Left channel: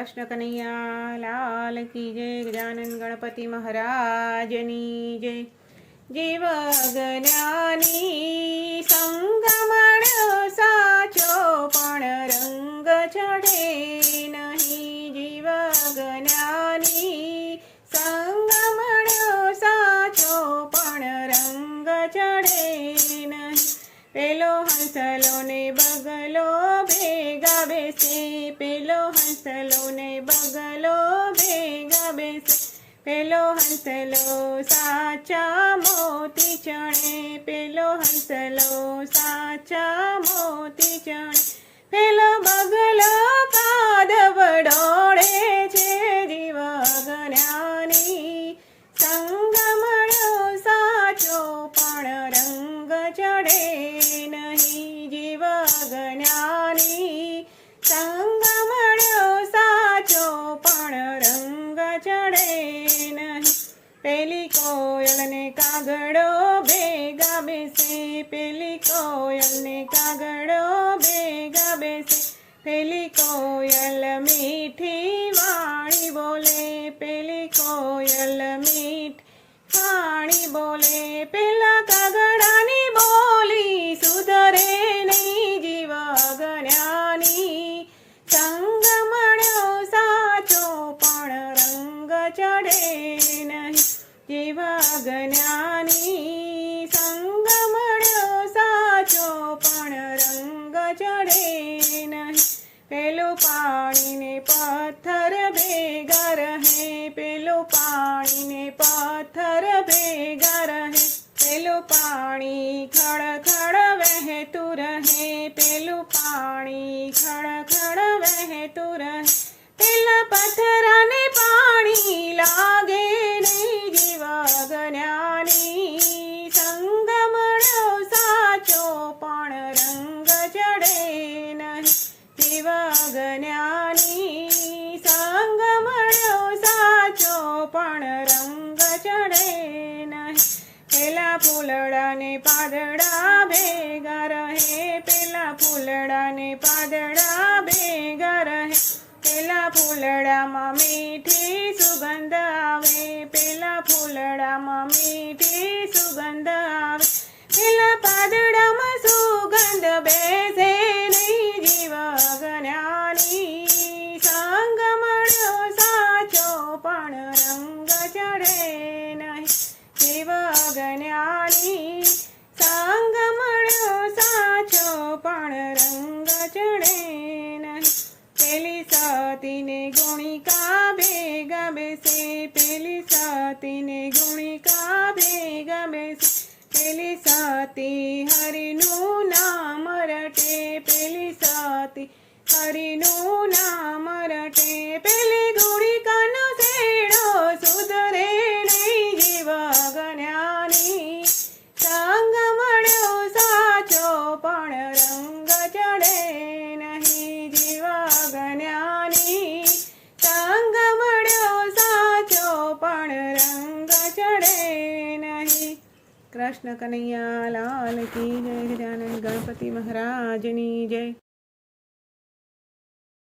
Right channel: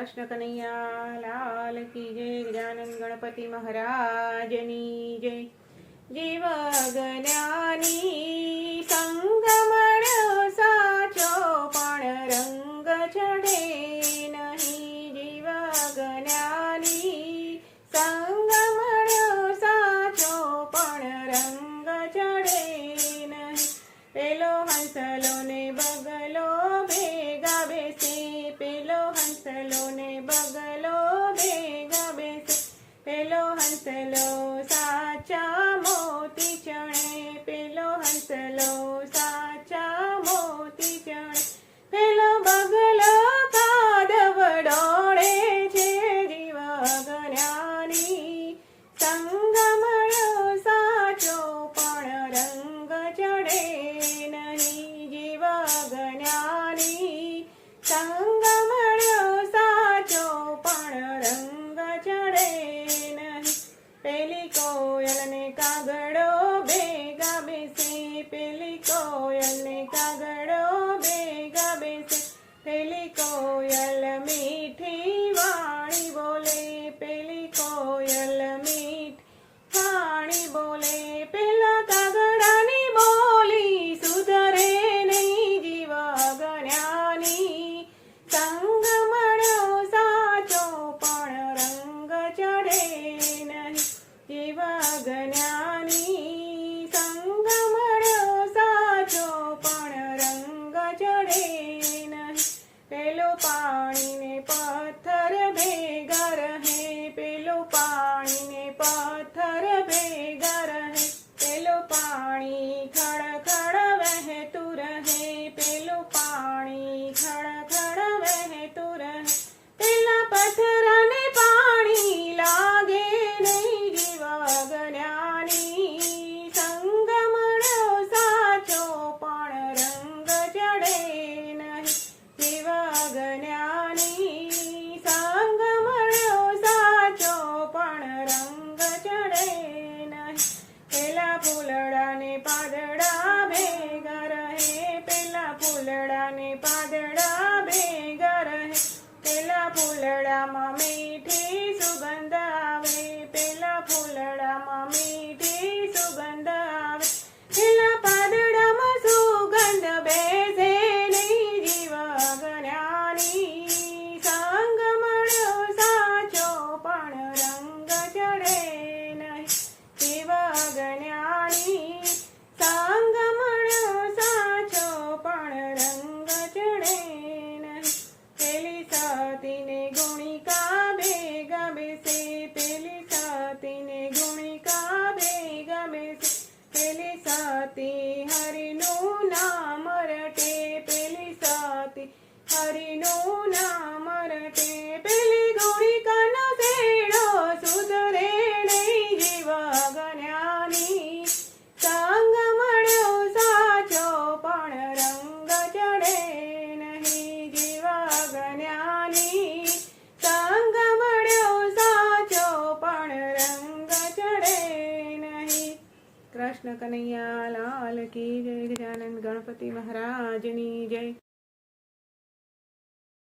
કૃષ્ણ કનૈયા, લાલ કી જય, ગજાનન ગણપતિ મહારાજની જય. જીવ જ્ઞાની, સંગમણ સાચો પણ રંગ ચડે નહીં. જીવ જ્ઞાની, સંગમણ સાચો પણ રંગ ચડે નહીં. પેલો હસલો ને ભેગા બેસે, પેલો હંસલો ને બગલો ભેગા બેસે. પેલો હંસલો સાચા મોતી ચણે પેલો હંસલો સાચા મોતી ચણે પેલો બગલો પેલી કોયલ મીઠ, વાણી બોલે, પેલા કગડાની બોલી, સુધરે નહીં જીવ ગણ્યાની સંગ મળ્યો સાચો, પણ રંગ ચડે નહીં જીવ ગણ્યાની સંગ મળ્યો સાચો, પણ રંગ ચડે નહીં. પેલો પાણીને પથ્થર ભેગા પાણીને પથ્થર ભેગા રહે. પેલું પાણી ખડ ખડ વહેતું રહે. પેલું પાણી ખડ ખડ વહેતું રહે. પેલા પથ્થરને પાણી લાગે નહીં. જીવ જ્ઞાની સંગમણો સાચો પણ રંગ ચડે નહીં. જીવ જ્ઞાની પાદડા ભેગા રહે. પેલા ફૂલડામાં મીઠી સુગંધ ગુણિકા ભેગ બેસે પેલી સાતીને ગુણિકા ભેગ બેસે પેલી સાતી હરિનું નામ રટે પેલી સાતી હરિનું નામ કૃષ્ણ કનૈયા લાલ કી જય ગજાનંદ ગણપતિ મહારાજની જય.